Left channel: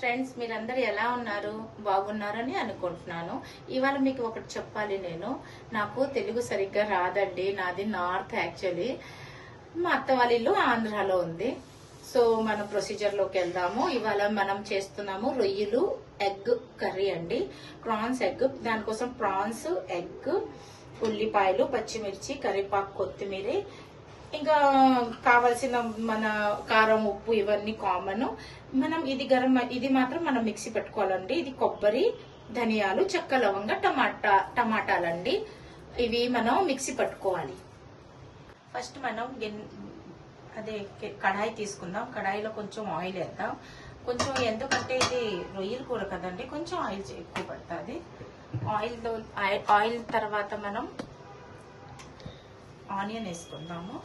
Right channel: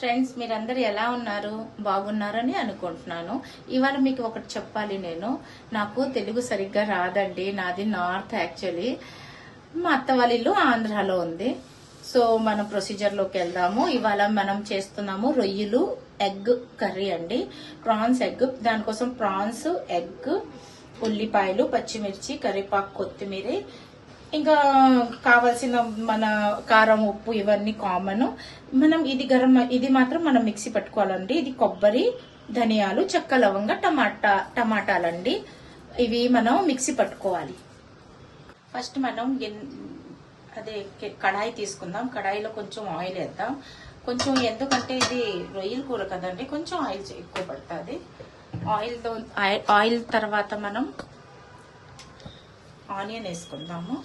Friends, మీరందరూ ఎలా ఉన్నారు? బాగున్నారని అనుకుంటున్నాను. ఇవాళ మీకు ఒకటి చెప్పాలి. నాకు తెలుగు సరిగ్గా రాదండి. నాది నార్త్ యాక్చువల్లీ. మా అత్త వాళ్ళ ఇల్లు ఆంధ్రాలో ఉంది. సో మనం ప్రొసీజర్లోకి వెళ్దాము. ఇవాళ మనం చేస్తున్నాము రొయ్యలు ఎగ్ కర్రీ అండి. Prawns egg. దానికోసం ప్రాన్స్, ఎగ్, ఉల్లిపాయలు, పచ్చిమిర్చి, కరివేపాకు, కొత్తిమీర, ఇంకా కావాల్సిన మన కారం, ఉప్పు ఇవన్నీ కామన్. మనం ఇది మాత్రం మనం మిక్సీ పట్టుకోవాలండి. ఇది కొబ్బరి, ధనియాలు, చెక్క, లవంగ, టమాటాలండి. ఇవి మనం మిక్సీ పట్టుకోవాలి. ఫస్ట్ మనం కడాయి తీసుకుందాం. కడాయిలో కొంచెం ఆయిల్ వేద్దాం. కొంచెం ఎందుకంటే ఇది రొయ్యల కూర కదండి, కొంచెం ఆయిల్ ఎక్కువ పడుతుంది. ఆయిల్ తర్వాత మనం ఆనియన్ వేసుకుందాము.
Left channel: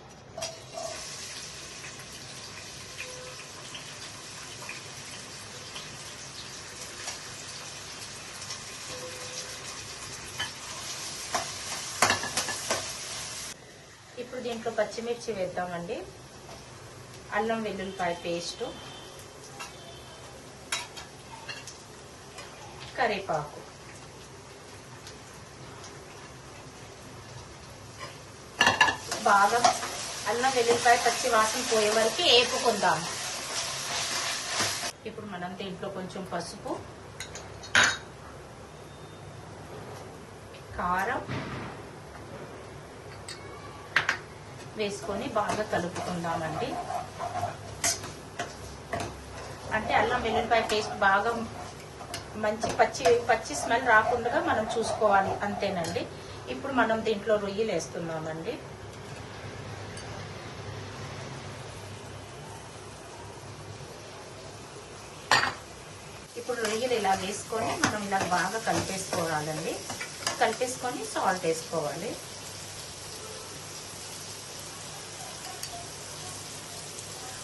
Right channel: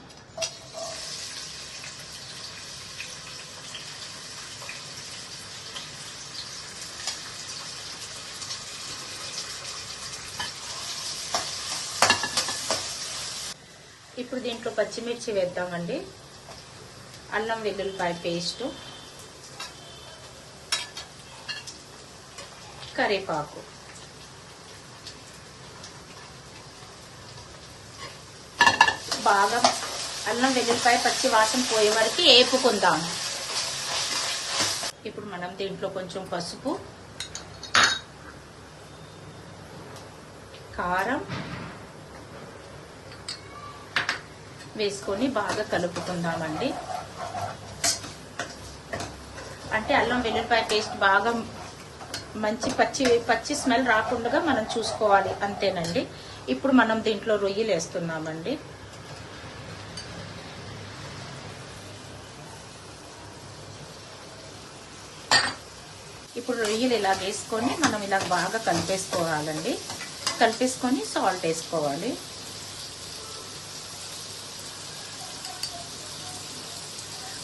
ఇప్పుడు దీంట్లో పచ్చిమిర్చి వేద్దామండి. అల్లం వెల్లుల్లిపాయ పేస్టు, కరివేపాకు, బాగా అల్లం వెల్లుల్లిపాయ పచ్చి వాసన పోయే వరకు వేపుకుందాం. ఇప్పుడు మనం దీంట్లో కొంచెం పసుపు, కారం వేసుకొని బాగా కలుపుకుందామండి. అంటే అల్లం వెల్లుల్లిపాయ పేస్ట్ బాగా మంచి పచ్చి స్మెల్ రాకుండా మనం చూసుకోవాలి, అంతేనండి. ఇప్పుడు మనం దీంట్లో రొయ్యలు వేస్తున్నామండి. ఇప్పుడు రొయ్యలు ఇలా వేసుకొని మనం ఇలా బాగా కలిపేసుకోవాలండి. కలిపేసుకొని సాల్ట్ వేసుకోవాలి.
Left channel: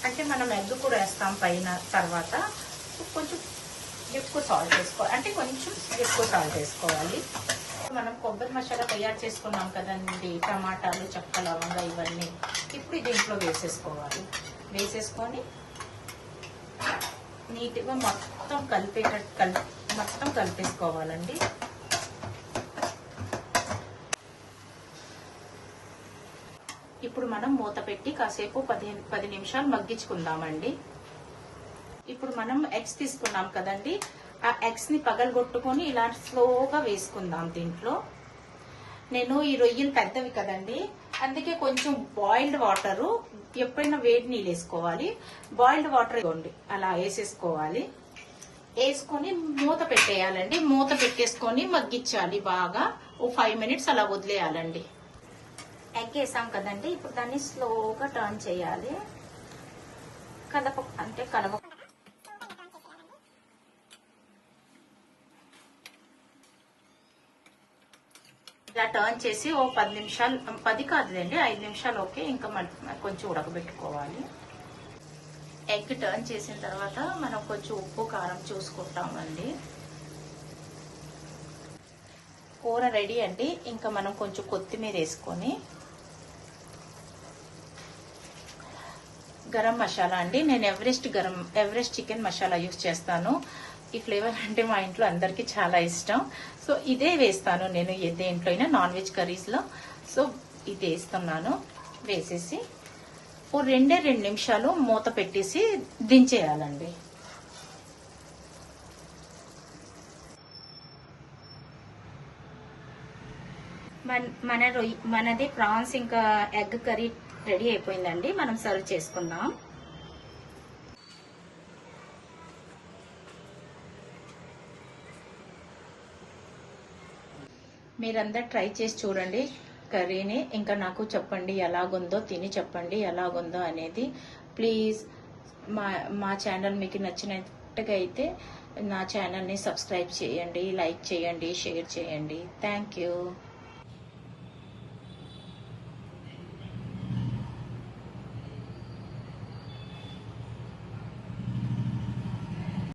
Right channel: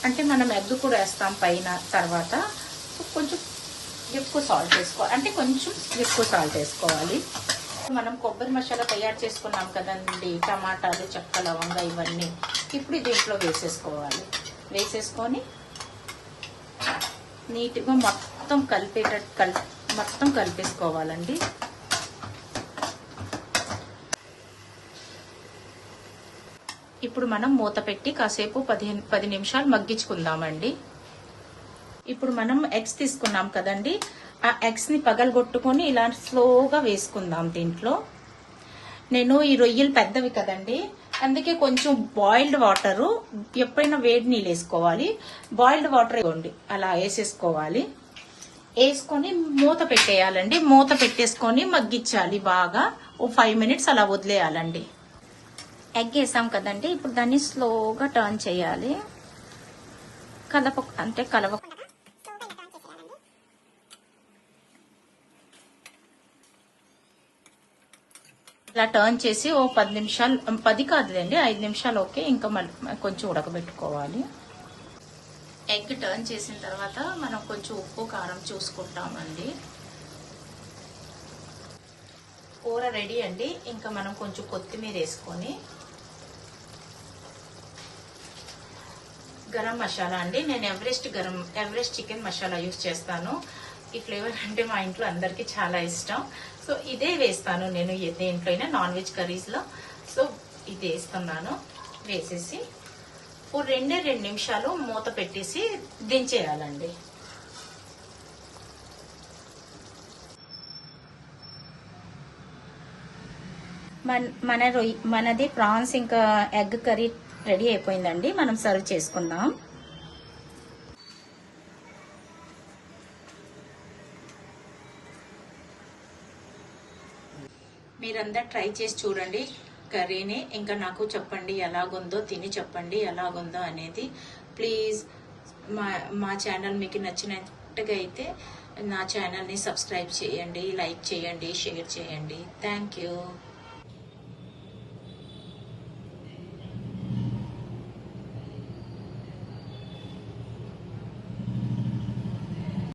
అంటే మనం ఎగ్ కూడా వేస్తాం పైన. తర్వాత కొంచెం ఎక్కువ సాల్ట్ వేసుకోవాలి, అంటే కొంచెం ఎక్కువ సాల్ట్ వేసుకోవాలి. మనం కొబ్బరి మసాలా తయారు చేసుకున్నాం కదండి, టమాటాలు, చెక్క, లవంగా ఇవన్నీ ఇప్పుడు దీంట్లో వేసేసుకోవాలి. వేసేసుకొని నీట్గా మొత్తం కలిపేసుకోవాలండి. ఇప్పుడు మనం మూత పెట్టి కాసేపు 10 నిమిషాలు మగ్గించుకుందామండి. ఇప్పుడు మనం ఎగ్స్ తీసుకున్నాం కదండి, ఆ ఎగ్స్ ని పగలగొట్టుకొని ఇలా స్లోగా వేసుకుందాం దీంట్లో. నేను ఈ రొయ్యలు పెద్దవి కదండి, అందుకే కొంచెం బాయిల్డ్ వాటరు, ఎప్పుడైనా వేడి నీళ్ళు వేసుకోవాలి. బాయిల్డ్ వాటర్ ఇవ్వండి, అలా వేసేసుకోవాలి. వేసుకొని మూత పెట్టేయాలండి. మూత పెట్టేసుకొని మగ్గించాలి బాగా. ఓ 5 మినిట్స్ అలా వదిలేయాలండి. ఎగ్ వేసాం కదండి, ఇప్పుడు దాన్ని స్లోగా టర్న్ చేయాలి. కలవ ఇలా టర్న్ చేసి ఓ 10 నిమిషాలు, 10 కాదులేండి 5 నిమిషాలు ఓకే. ఇంకా కొంచెం ఉడకబెట్టుకోవాలి. ఎగ్ టర్న్ చేసిన తర్వాత మనం కొంచెం ఉప్పు, కారం చూసుకుంటామండి. కూర రెడీ అండి. ఇంకా మనం కొంచెం కొత్తిమీర వేసుకొని, గరం మసాలా అండి. నేను ఎవరెస్ట్ చికెన్ మసాలా యూజ్ చేస్తాను. ఈ ఫ్లేవర్ అంటే మా ఇంట్లో అందరికి చాలా ఇష్టం. సో ఇదే వేస్తాను నేను దేంట్లోనే, నాన్ వెజ్ కర్రీస్ లో. సో ఇది వేస్తున్నాను. వేసేసి ఓ 2 నిమిషాలు మూత పెట్టేసి దించేయాలండి. మనది ప్రాన్స్ ఇంకా ఎగ్ కర్రీ రెడీ అయిపోయిందండి. మనం సర్వ్ చేసుకుందాం. మీరందరూ ట్రై చేసి చూడండి కర్రీని. ఇంకా నాకు చెప్పండి ఎలాగుందో, తిని చెప్పండి ఎలాగుందో అనేది. ప్లీజ్ మా ఛానల్ మీకు నచ్చినట్టుగా అయితే నా ఛానల్ని సబ్స్క్రైబ్ చేయండి, లైక్ చేయండి, షేర్ చేయండి. Thank you.